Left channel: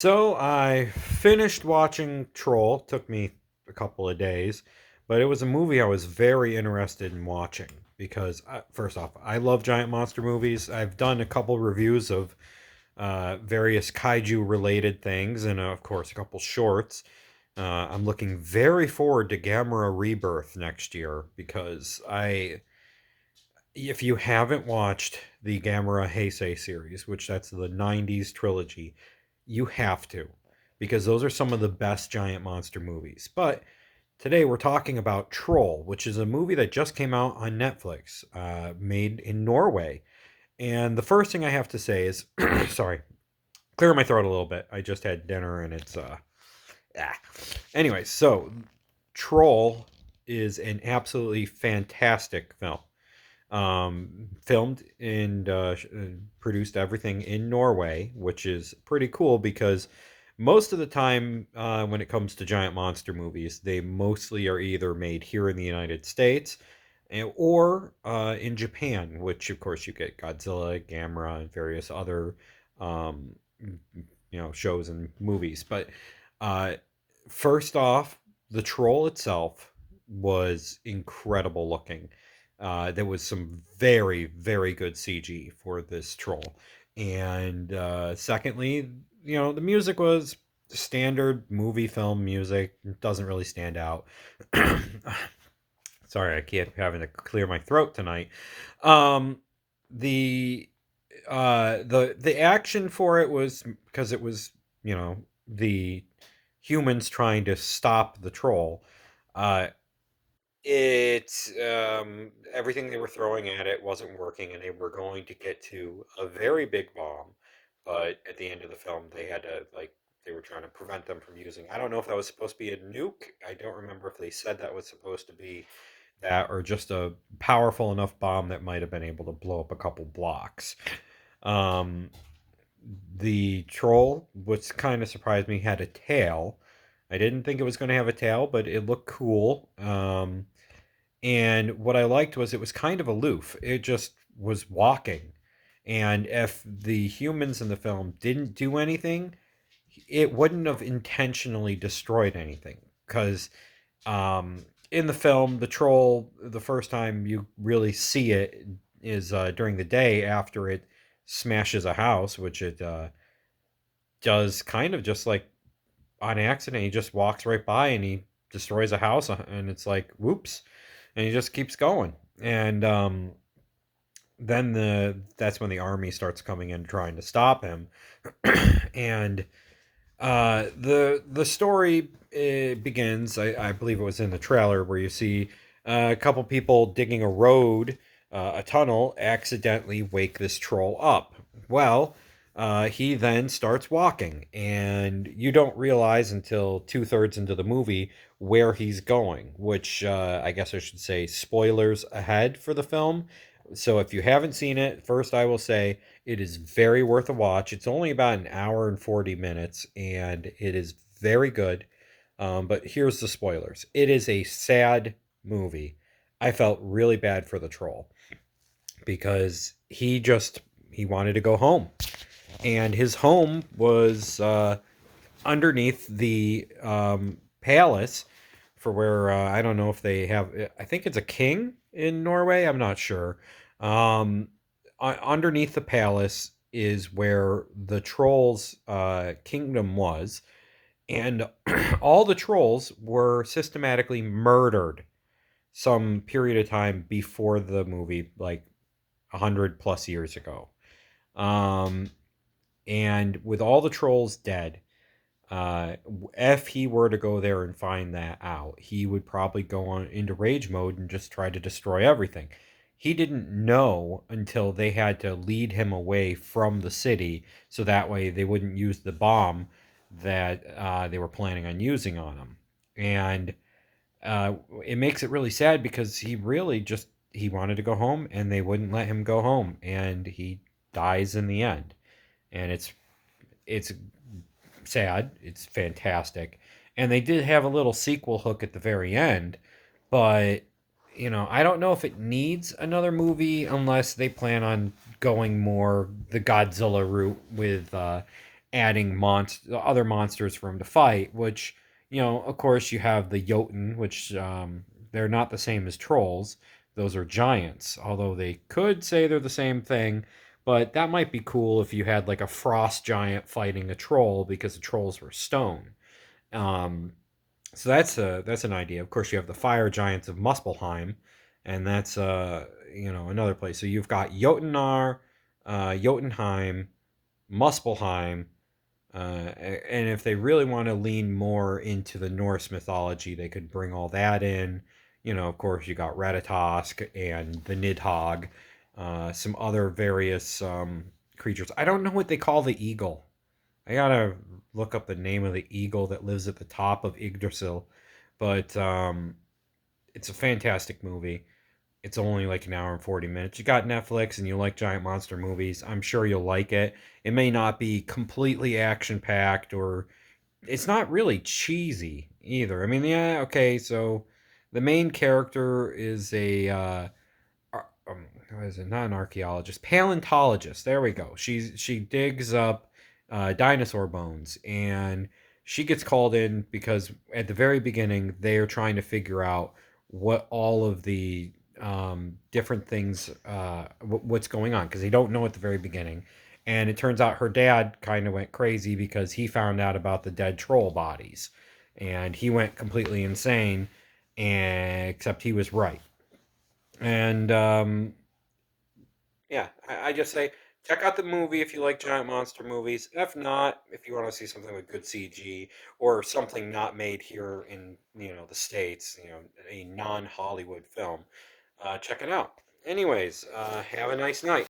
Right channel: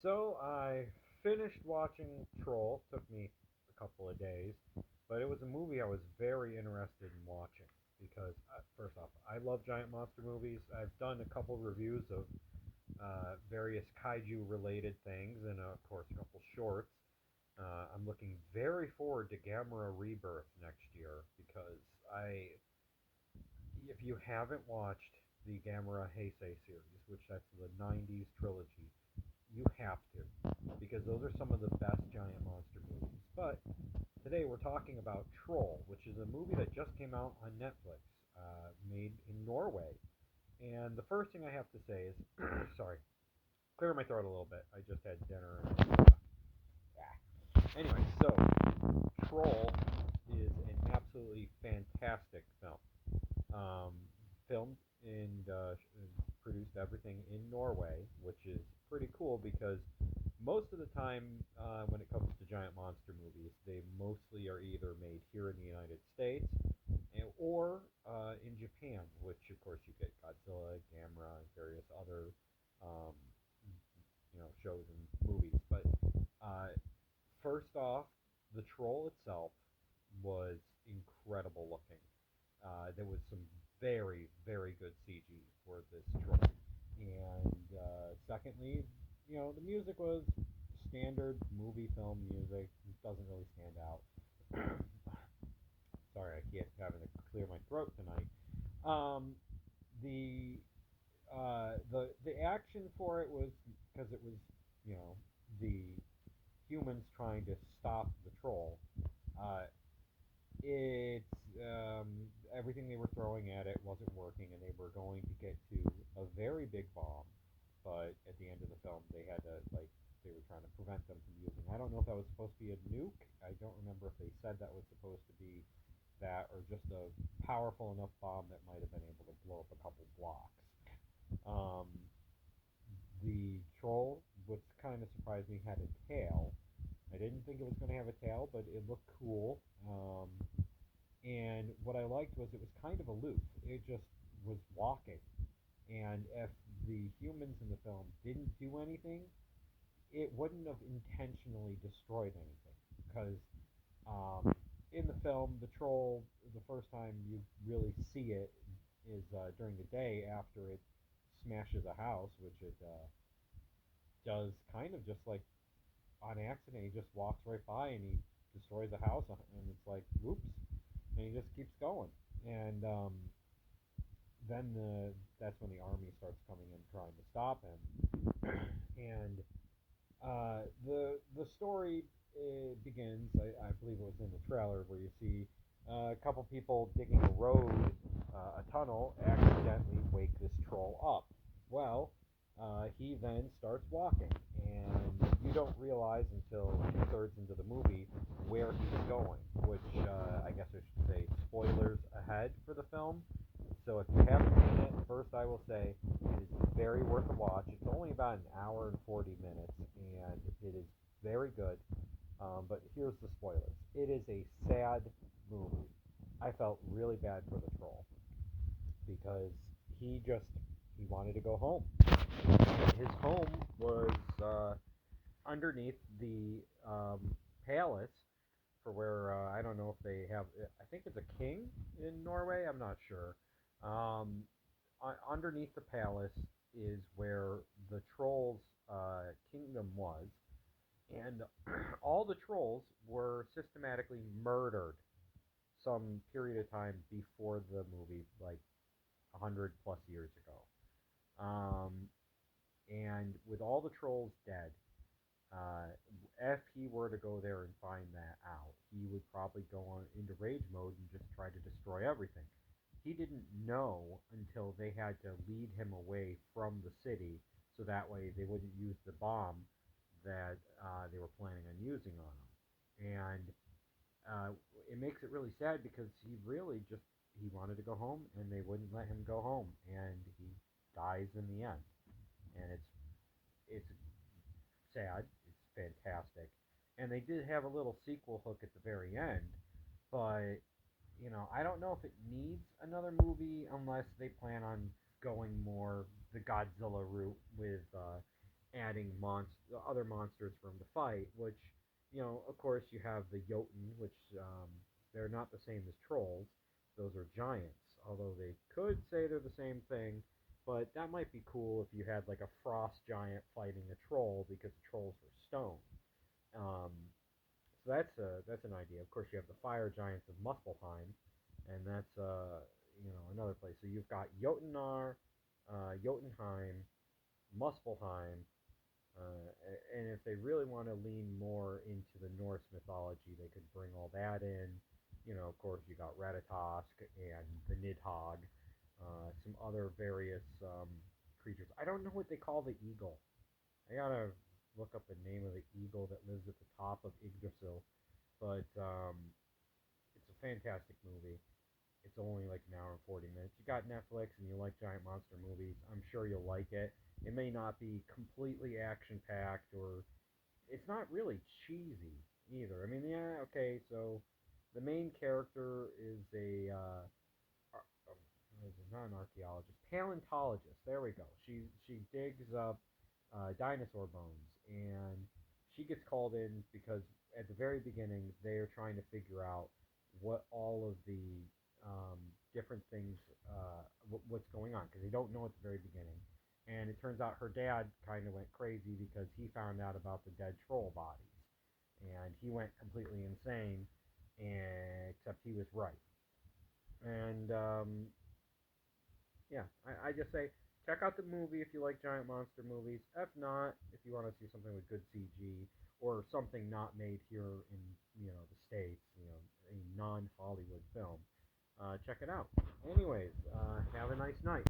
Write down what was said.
So I finished watching Troll. Took me a couple of days, but it was a movie I was very interested in watching because first off, I love giant monster movies. I've done a couple reviews of various kaiju related things, and of course a couple shorts. I'm looking very forward to Gamera Rebirth next year because if you haven't watched the Gamera Heisei series, which that's the '90s trilogy, you have to, because those are some of the best giant monster movies. But today we're talking about Troll, which is a movie that just came out on Netflix, made in Norway. And the first thing I have to say is, sorry, clear my throat a little bit. I just had dinner and it's ah. Anyway, so Troll is an absolutely fantastic film. Filmed and produced everything in Norway, which is pretty cool because most of the time, when it comes to giant monster movies, they mostly are either made here in the United States or in Japan, which of course you get Godzilla, Gamera, and various other um, shows and movies. But uh, first off, the troll itself was incredible looking. There was some very, very good CG for this troll. And secondly, the music was standard movie film music. It doesn't really stand out. Sorry, I keep having to clear my throat tonight. Um, the the action for it was because it was the humans trying to stop the troll. Uh, it Everything they were throwing at it wasn't working, and they were going to get to a very big bomb. But at the end of the film, they had to they were trying to prevent them from using. I don't know if that was supposed to be a nuke. I don't remember if they said that was supposed to be that or just a powerful enough bomb that might have been able to blow up a couple blocks. Um, the troll, which kind of surprised me, had a tail. I didn't think it was going to have a tail, but it looked cool. And what I liked was it was kind of aloof. It just was walking. And if the humans in the film didn't do anything, it wouldn't have intentionally destroyed anything. Because in the film, the troll, the first time you really see it is during the day after it smashes a house, which it does kind of just like on accident. He just walks right by and he destroys a house, and it's like, whoops, and he just keeps going. And then that's when the army starts coming in trying to stop him. And the story begins. I believe it was in the trailer where you see a couple people digging a road, a tunnel, accidentally wake this troll up. Well, he then starts walking, and you don't realize until two-thirds into the movie where he's going, which I guess I should say spoilers ahead for the film. So if you haven't seen it, first I will say it is very worth a watch. It's only about an hour and 40 minutes, and it is very good. But here's the spoilers. It is a sad movie. I felt really bad for the troll because he wanted to go home, and his home was underneath the palace for where I don't know if they have. I think it's a king in Norway. I'm not sure. Um, Underneath the palace is where the trolls' kingdom was, and all the trolls were systematically murdered some period of time before the movie, like 100 plus years ago. Um, and with all the trolls dead, if he were to go there and find that out, he would probably go on into rage mode and just try to destroy everything. He didn't know until they had to lead him away from the city so that way they wouldn't use the bomb that they were planning on using on him. And uh, it makes it really sad because he really just he wanted to go home and they wouldn't let him go home, and he dies in the end. And it's sad. It's fantastic. And they did have a little sequel hook at the very end, but I don't know if it needs another movie unless they plan on going more the Godzilla route with adding other monsters for him to fight. Which, of course, you have the Jotun, which they're not the same as trolls. Those are giants, although they could say they're the same thing. But that might be cool if you had like a frost giant fighting a troll because the trolls were stone. Um, so that's an idea. Of course, you have the fire giants of Muspelheim, and that's another place. So you've got Jotunnar, Jotunheim, Muspelheim, and if they really want to lean more into the Norse mythology, they could bring all that in. Of course, you got Ratatosk and the Nidhogg, some other various creatures. I don't know what they call the eagle. I gotta look up the name of the eagle that lives at the top of Yggdrasil, but it's a fantastic movie. It's only like an hour and 40 minutes. You got Netflix and you like giant monster movies. I'm sure you'll like it. It may not be completely action packed, or it's not really cheesy either. I mean, yeah, okay, so the main character is a what is it? Not an archaeologist, paleontologist. There we go. She digs up dinosaur bones, and she gets called in because at the very beginning they are trying to figure out what all of the different things, what's going on, because they don't know at the very beginning. And it turns out her dad kind of went crazy because he found out about the dead troll bodies, and he went completely insane. And except he was right. And yeah, I just say check out the movie if you like giant monster movies. If not, if you want to see something with good CG or something not made here in the States, a non-Hollywood film, check it out. Anyways, have a nice night.